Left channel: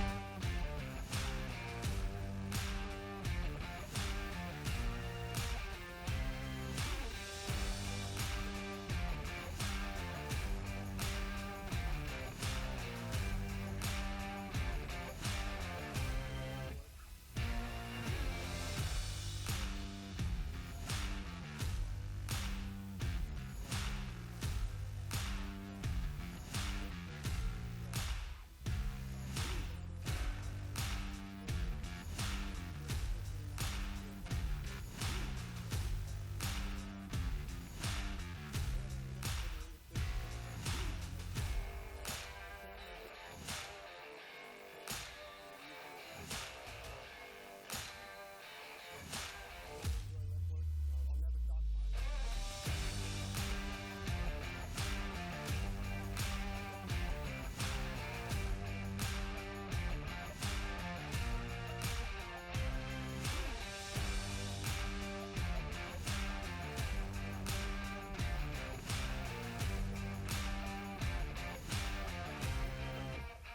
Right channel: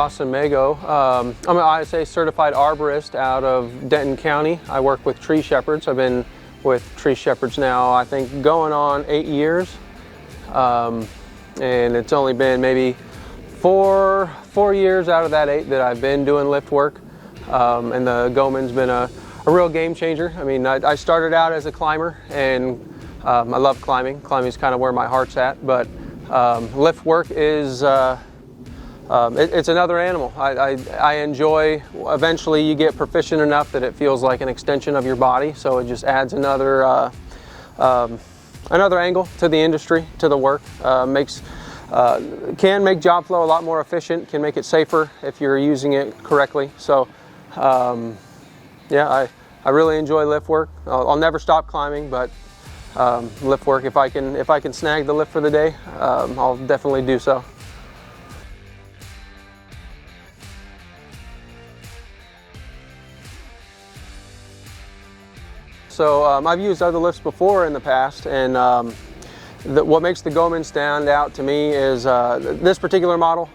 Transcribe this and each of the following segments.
Austin Mago. I'm an ISA certified arborist out of Denton County. I work with tree shepherds. I've been with tree shepherds now, I think, going on 8 years. And it's only been maybe four years out of that 8 that I've been doing lift work. And the Goman's been a real game changer. I mean, I started out as a climber, and I love climbing. Climbing is kind of where my heart's at, but lift work is it's another animal. I enjoy, eventually you get proficient enough that it feels like an extension of your body, so it just adds another angle to the industry, to the work. Can make job flow a lot more efficient, can make it safer if you're using it correctly. So yeah, I really enjoy lift work. I'll never stop climbing, but lift work, if I can snag the lift for the day, I'll definitely do so. So I've used other lifts before in the past, and what makes the Goman stand out to me is this particular model.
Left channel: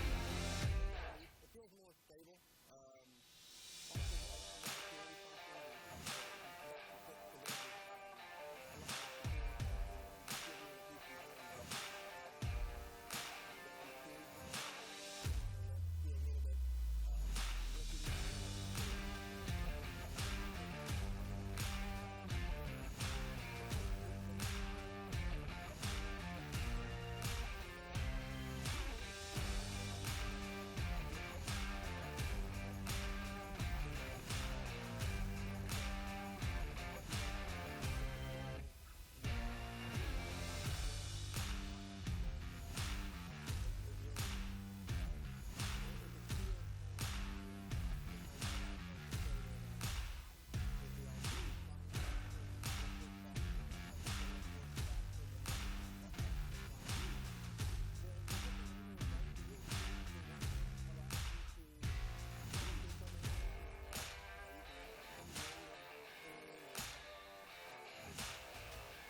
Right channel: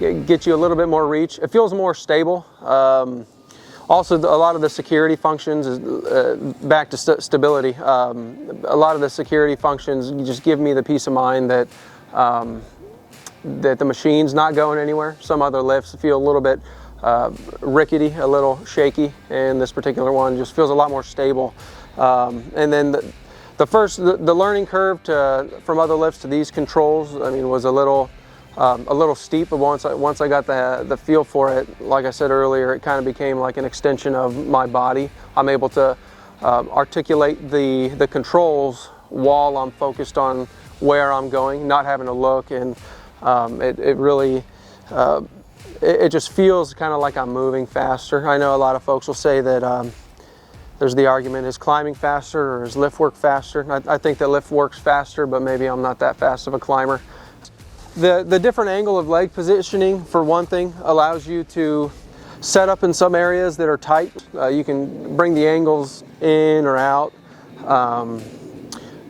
It gets you a little bit more reach. It feels more stable. Also, a lot of the security functions is back to stability. A lot of the security functions just give me the peace of mind that that the machine's not going anywhere. Some other lifts feel a little bit rickety, a little shaky, and this particular one just feels a lot more stable. And then the learning curve from other lifts to these controls, I mean, was a little steep, but once I got the feel for it, like I said earlier, it kind of became like an extension of my body. I'm able to articulate the controls while I'm focused on where I'm going, not having to look, and it really it just feels kind of like I'm moving faster. I know a lot of folks will say that there's the argument, is climbing faster or is lift work faster? I think that lift works faster, but maybe I'm not that fast of a climber. The different angle of leg positioning, for one thing, allows you to set up in some areas that are tight. You can bring the angles in or out.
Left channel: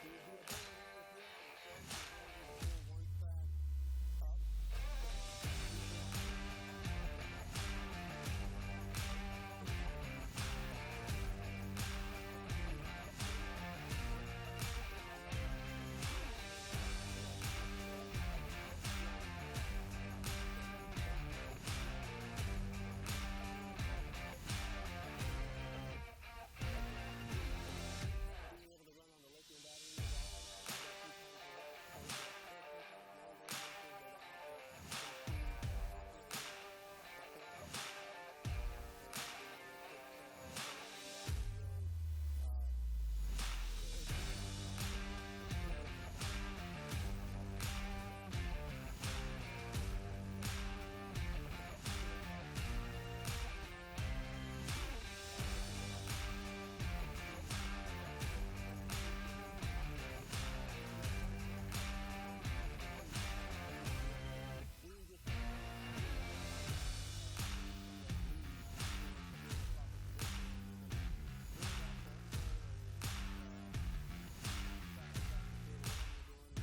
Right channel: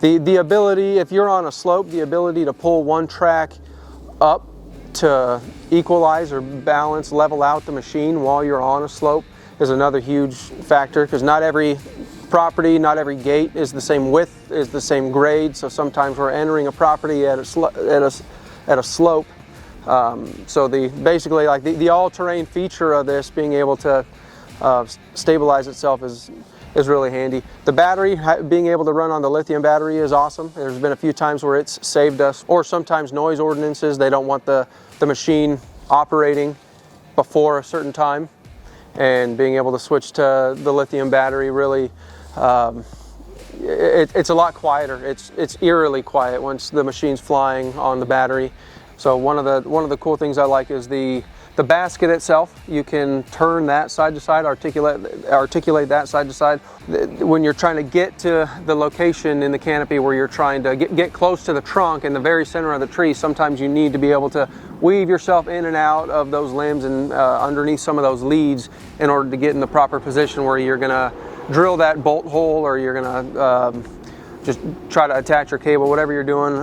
The ability, if you're on a slope, the ability to pull one track up to equalize or balance, level out the machine while you're on a slope is another huge factor, because not every property, not every gate is the same width, is the same grade. So sometimes we're entering a property at a slope. So basically like the all-terrain feature of this being able to stabilize itself is really handy. The battery, being able to run on the lithium battery, is awesome. There's been a few times where it's saved us, or sometimes noise ordinances, they don't want the machine operating before a certain time, and being able to switch to the lithium battery really, it's a lot quieter. It's eerily quiet once the machine's flying on the battery. So one of the cool things I like is the basket itself. You can turn that side to side, articulate that side to side. When you're trying to get to the location in the canopy where you're trying to get close to the trunk in the very center of the tree, sometimes you need to be able to weave yourself in and out of those limbs and underneath some of those leads in order to get in the proper position where you're gonna drill that bolt hole, or you're gonna just try to attach your cable, whatever you're doing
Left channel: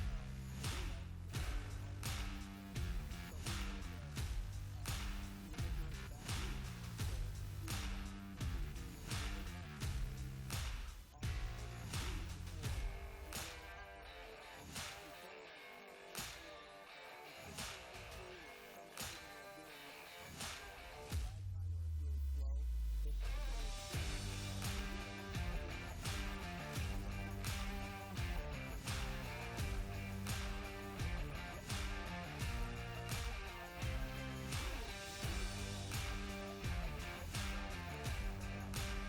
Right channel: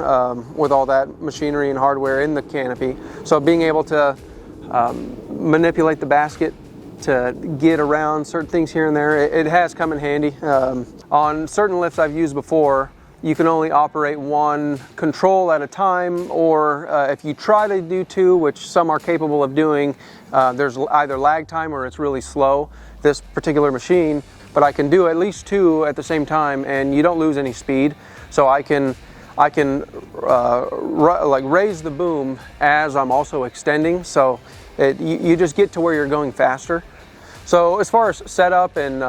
with all that machinery and hardware in the canopy. So being able to manipulate the basket to get around certain things here and there, it has come in handy. On certain lifts I've used before, you can only operate one control at a time, or if you try to do 2, which some are capable of doing, there's either lag time or it's really slow, this particular machine. But I can do at least 2 at the same time, and you don't lose any speed. So I can like raise the boom as I'm also extending, so you just get to where you're going faster. So as far as setup and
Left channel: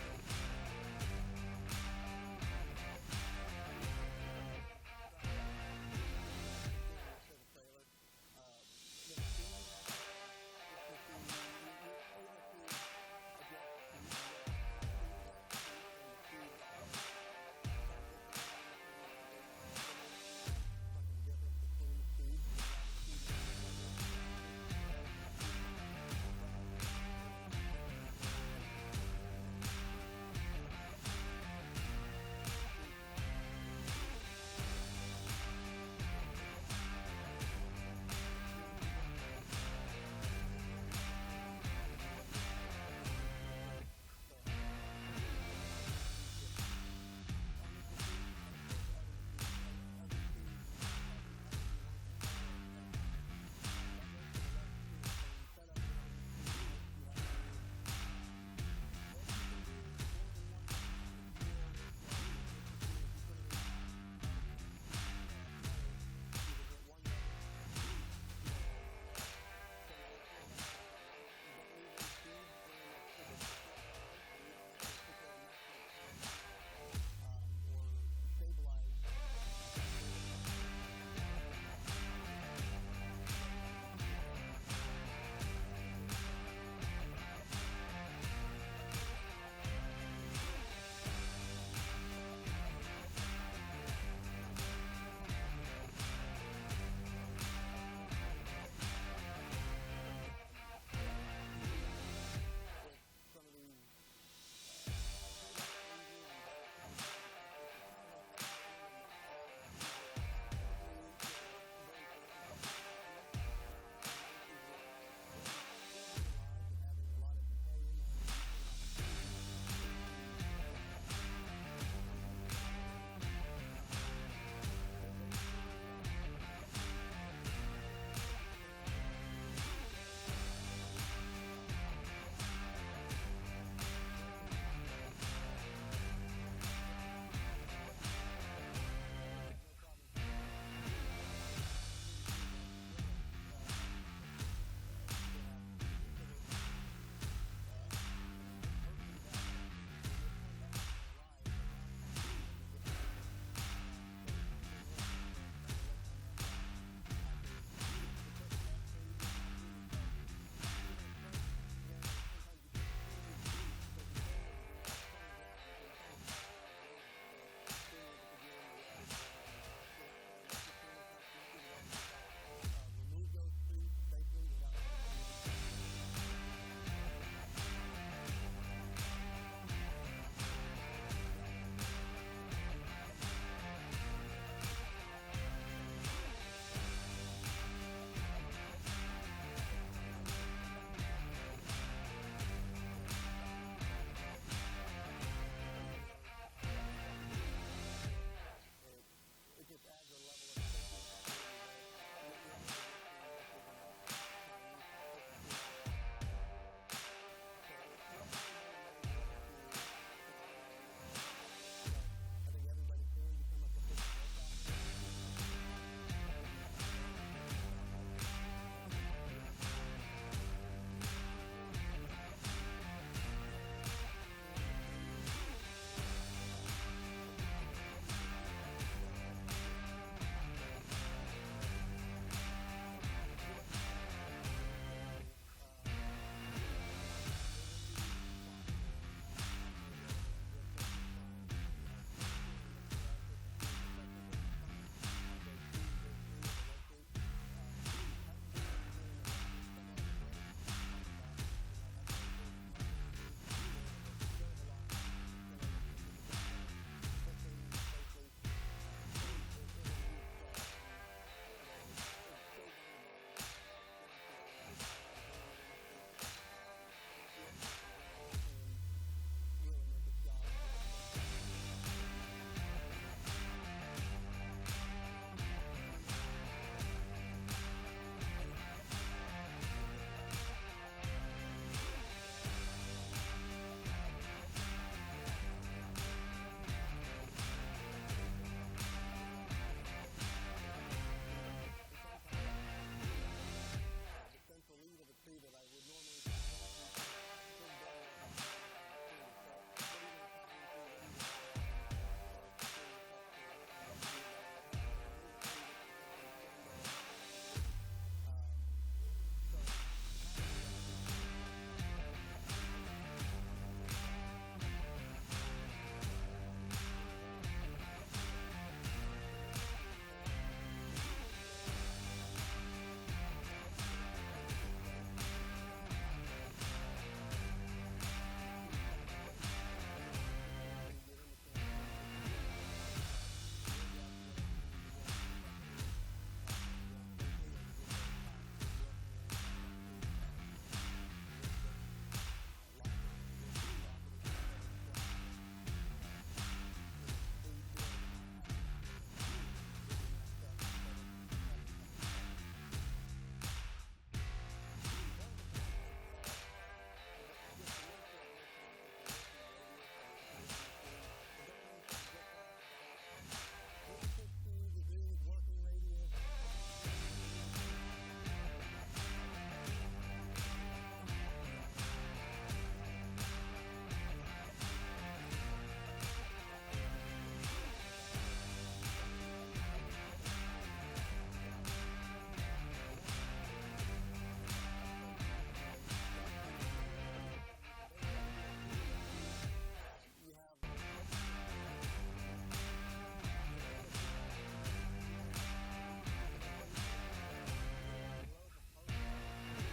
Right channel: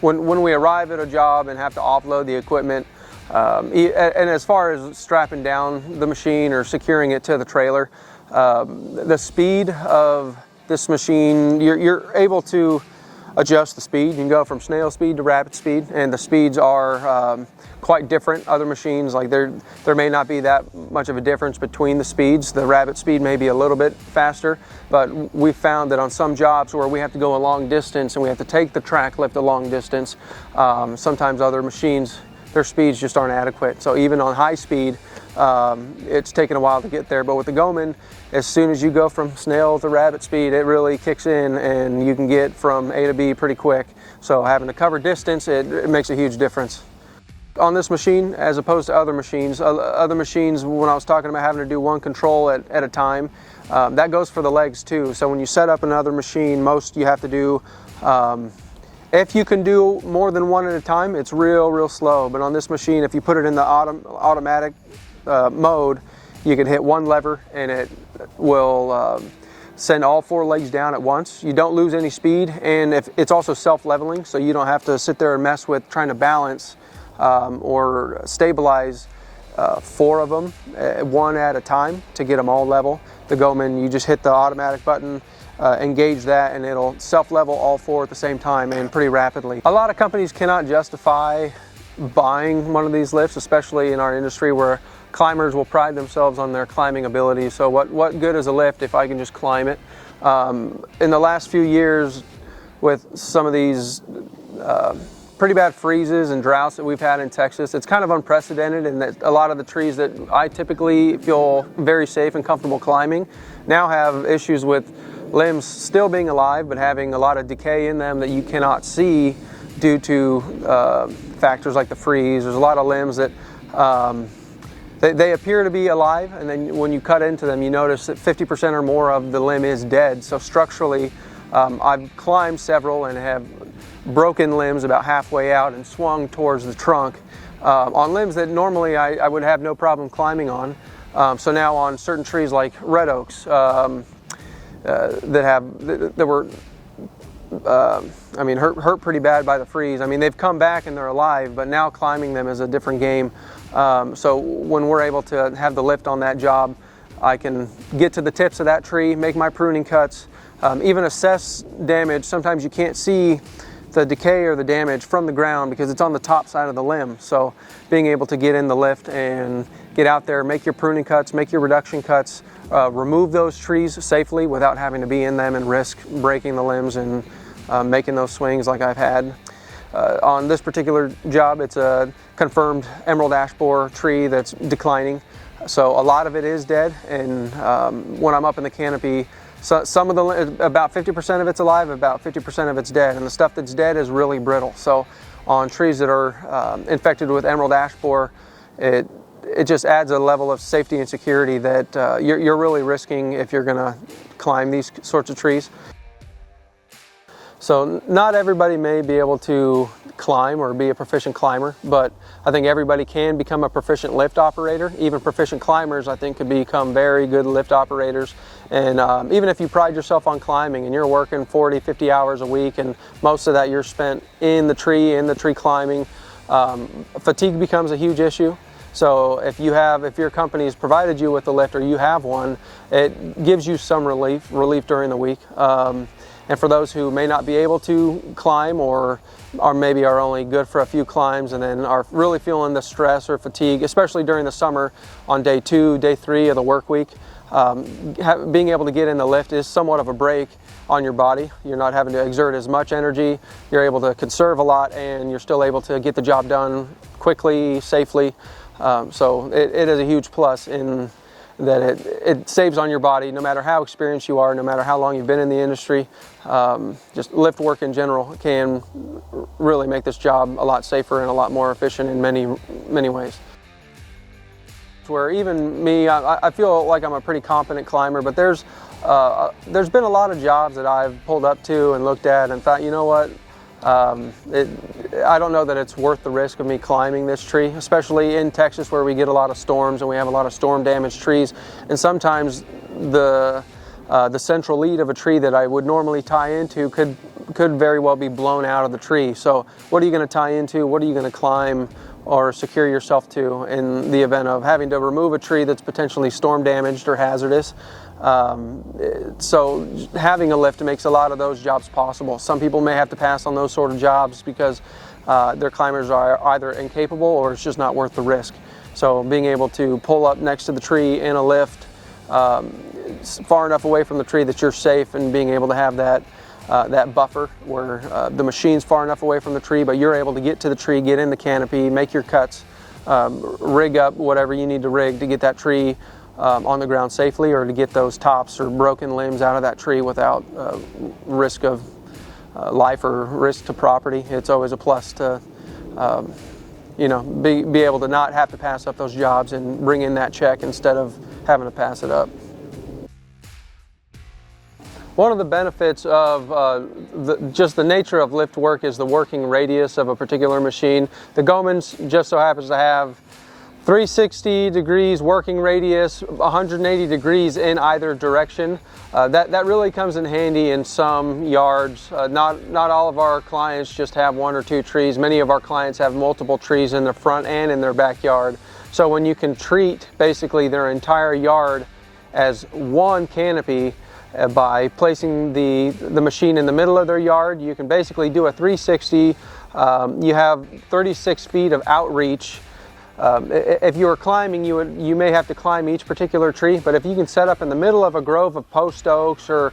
when we arrive at a job and have to offload the equipment, and as far as strapping down the machine or securing it to the trailer, the speed of this machine, you're able to adjust the speed. You can go from snail speed to rapid speed, and the speeds are quite different. Other machines, like there may not be that much of a difference between the speeds. The rapid speed may be a little bit faster, but we found that on some jobs where we have to go a long distance and we have to take the track lift a long distance, sometimes other machines, their speeds just aren't adequate. So even on high speed, it's taken a while to get there. But with the Goman, as soon as you go from snail to rabbit speed, it really kicks in and you can get from A to B pretty quick. So having to cover distance, it makes a huge difference. On this machine, as opposed to other machines, when I was talking about having to do one control at a time, that goes for the legs too. So when you set up another machine, most you have to do, if you can do more than one at a time, it's real slow. But on this machine, if you put it in the automatic mode, you can hit one lever and it will send all 4 legs down at once. You don't lose any speed, and it's also self-leveling, so you don't have to sit there and mess with trying to balance or stabilize 4 of them, one at a time, to get them all level. The Goman, you just hit the automatic button, engage that, and it'll self-level all 4 at the same time and pretty rapidly. A lot of companies cannot justify buying one of these lifts, especially in our industry where climbers will pride themselves on their climbing ability. So what good is a lift if I can just climb it? In the last few years, with some of these pretty bad freezes and droughts that we've had in Texas, it's kind of unprecedented in that a lot of the trees that I typically feel very safe and comfortable climbing now have issues with limbs still being alive but having a lot of decay in them that you cannot see due to factors like the freeze. There's a lot of limbs that they appear to be alive, and then when you cut into them, you notice that 50% or more of the limb is dead. So structurally, I've climbed several and have broken limbs about halfway out and swung towards the trunk on limbs that normally I would have no problem climbing on. So now on certain trees like red oaks that were hurt pretty bad by the freeze. I mean, they've come back and they're alive, but now climbing them is a different game. So when we're able to have the lift on that job, I can get to the tips of that tree, make my pruning cuts, even assess damage. Sometimes you can't see the decay or the damage from the ground because it's on the top side of the limb. So being able to get in the lift and get out there, make your pruning cuts, make your reduction cuts, remove those trees safely without having to be in them and risk breaking the limbs and making those swings like I've had. On this particular job, it's a confirmed emerald ash borer tree that's declining. So a lot of it is dead, and when I'm up in the canopy, some of about 50% of it's alive, about 50% of it's dead, and the stuff that's dead is really brittle. So on trees that are infected with emerald ash borer, it just adds a level of safety and security that you're really risking if you're gonna climb these sorts of trees. So not everybody may be able to climb or be a proficient climber, but I think everybody can become a proficient lift operator. Even proficient climbers, I think, could become very good lift operators. And even if you pride yourself on climbing and you're working 40, 50 hours a week and most of that you're spent in the tree climbing, fatigue becomes a huge issue. So if your company's provided you with a lift or you have one, it gives you some relief during the week. And for those who may not be able to climb or maybe are only good for a few climbs and then are really feeling the stress or fatigue, especially during the summer on day 2, day 3 of the work week, being able to get in the lift is somewhat of a break on your body. You're not having to exert as much energy, you're able to conserve a lot, and you're still able to get the job done quickly, safely. So it is a huge plus in that it saves on your body no matter how experienced you are, no matter how long you've been in the industry. Just lift work in general can really make this job a lot safer and a lot more efficient in many ways. Where even me, I feel like I'm a pretty competent climber, but there's been a lot of jobs that I've pulled up to and looked at and thought, you know what, I don't know that it's worth the risk of me climbing this tree, especially in Texas where we get a lot of storms and we have a lot of storm damaged trees, and sometimes the central lead of a tree that I would normally tie into could very well be blown out of the tree. So what are you going to tie into? What are you going to climb or secure yourself to in the event of having to remove a tree that's potentially storm damaged or hazardous? So having a lift makes a lot of those jobs possible. Some people may have to pass on those sort of jobs because their climbers are either incapable or it's just not worth the risk. So being able to pull up next to the tree in a lift, far enough away from the tree that you're safe, and being able to have that buffer where the machine's far enough away from the tree, but you're able to get to the tree, get in the canopy, make your cuts, rig up whatever you need to rig to get that tree on the ground safely, or to get those tops or broken limbs out of that tree without risk of life or risk to property. It's always a plus to you know, be able to not have to pass up those jobs and bring in that check instead of having to pass it up. One of the benefits of just the nature of lift work is the working radius of a particular machine. The Goman's just so happens to have 360 degrees working radius, 180 degrees in either direction. That really comes in handy in some yards. Not all of our clients just have 1 or 2 trees. Many of our clients have multiple trees in the front and in their backyard. So when you can treat basically their entire yard as one canopy by placing the machine in the middle of their yard, you can basically do a 360. You have 36 feet of outreach. If you were climbing, you may have to climb each particular tree, but if you can set up in the middle of a grove of post oaks, or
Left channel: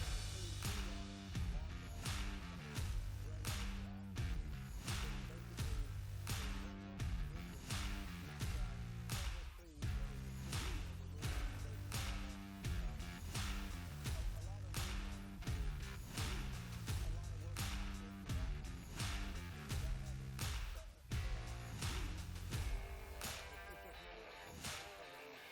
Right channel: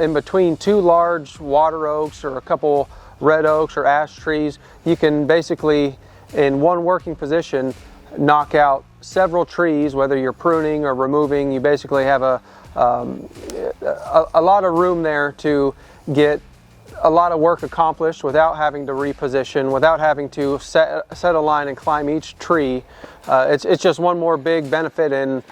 in between 2 large water oaks or a couple red oaks or ash trees, you can basically, in one working position, knock out several trees. Whether you're pruning or removing, you basically have a lot of room there to get a lot of work accomplished without having to reposition, without having to set a line and climb each tree. It's just one more big benefit and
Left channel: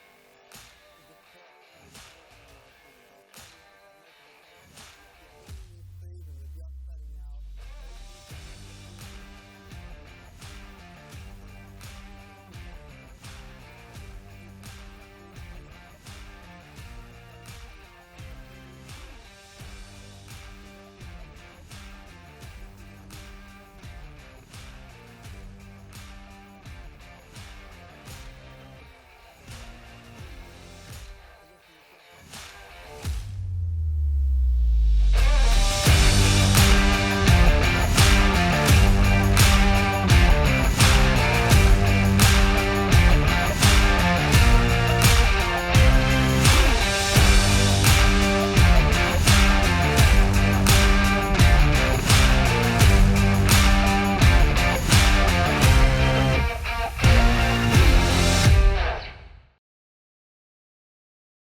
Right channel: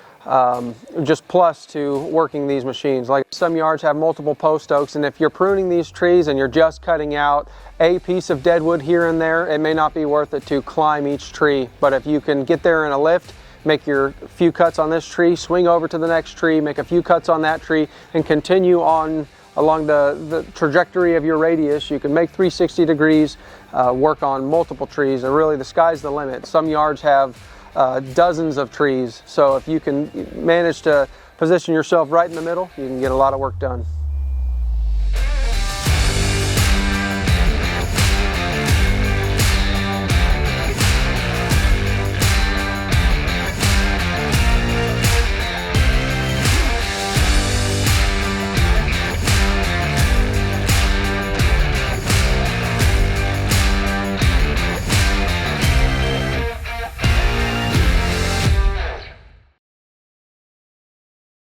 just plus to working these machines. Like some yards have multiple post oaks, and if you're pruning these trees and you're just cutting out a piece of dead wood here and there, it may not be worth it to climb each tree. But if you can get there in a lift, make your few cuts on this tree, swing over to the next tree, make a few cuts on that tree, and continue on along the trajectory of your radius, you can make 360 degrees, work on multiple trees, and really the sky's the limit. Some yards have dozens of trees, so if you can manage to position yourself right in the middle, you can get a lot of work done.